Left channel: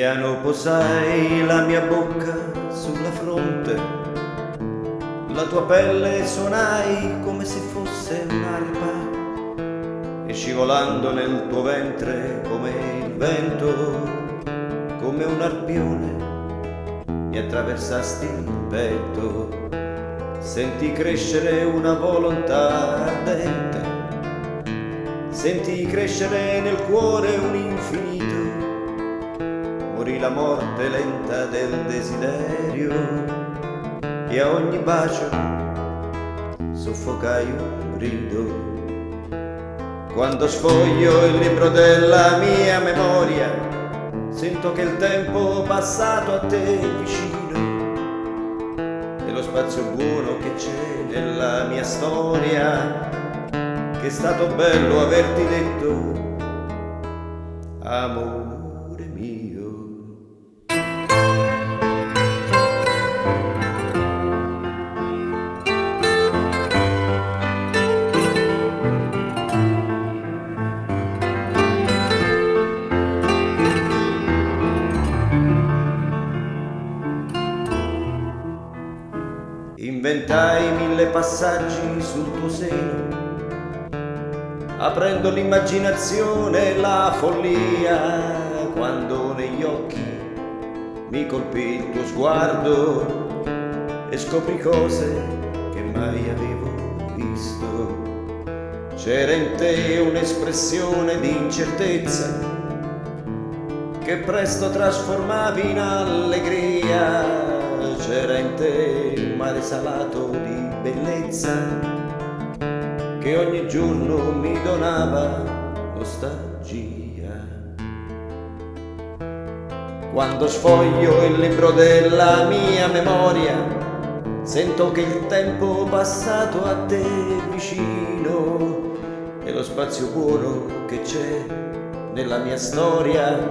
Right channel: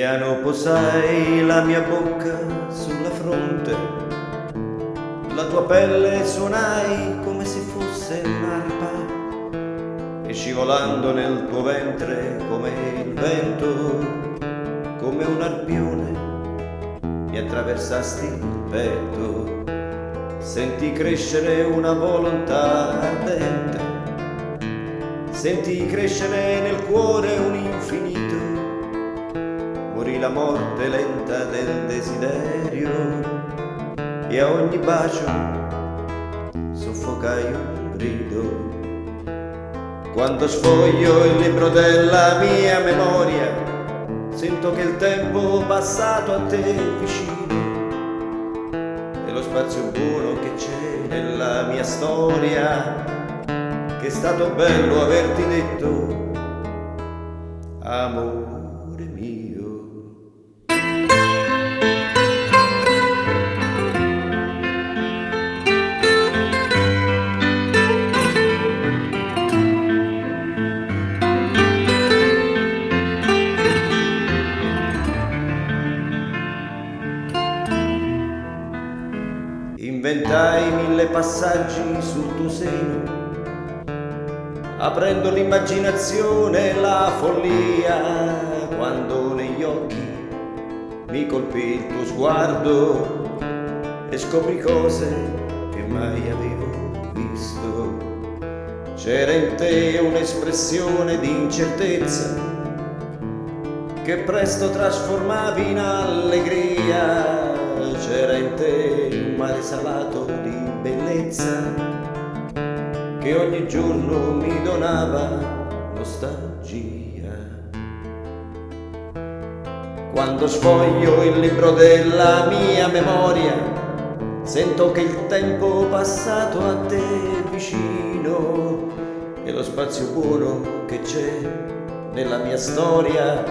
Piano posai la mia bocca sulla fronte, la tua pelle suonai come se fosse un'arpa, e scivolando nel tuo ventre come il vento, come un arpione, mi attraversasti il petto. Sentii crescere una volontà ardente, sentii crescere nel cuore un infinito. Morì la morte lenta del desiderio e a ogni bacio soffocai un grido. Quando sfoglio il libro della mia memoria, sento che il tempo passato a te vicino è lo spazio buono che c'è nella mia storia, che è stato bello averti detto, amore mio. Inventai 1000 passaggi sul tuo seno, aprendo l'immaginazione e la follia, quando negli occhi mi colpì il tuo sguardo e scoprì cose che mai avevo visto. C'era in te un'espressione di incertezza che presto trasformavi in allegria. C'era in te un mare salato di bellezza che ogni giorno mi donava nostalgia. Quando sfoglio il libro della mia memoria, sento che il tempo passato a te vicino è lo spazio buono che c'è nella mia storia,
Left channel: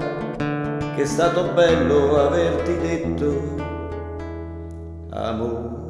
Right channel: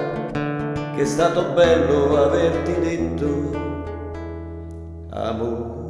che è stato bello averti detto, amore.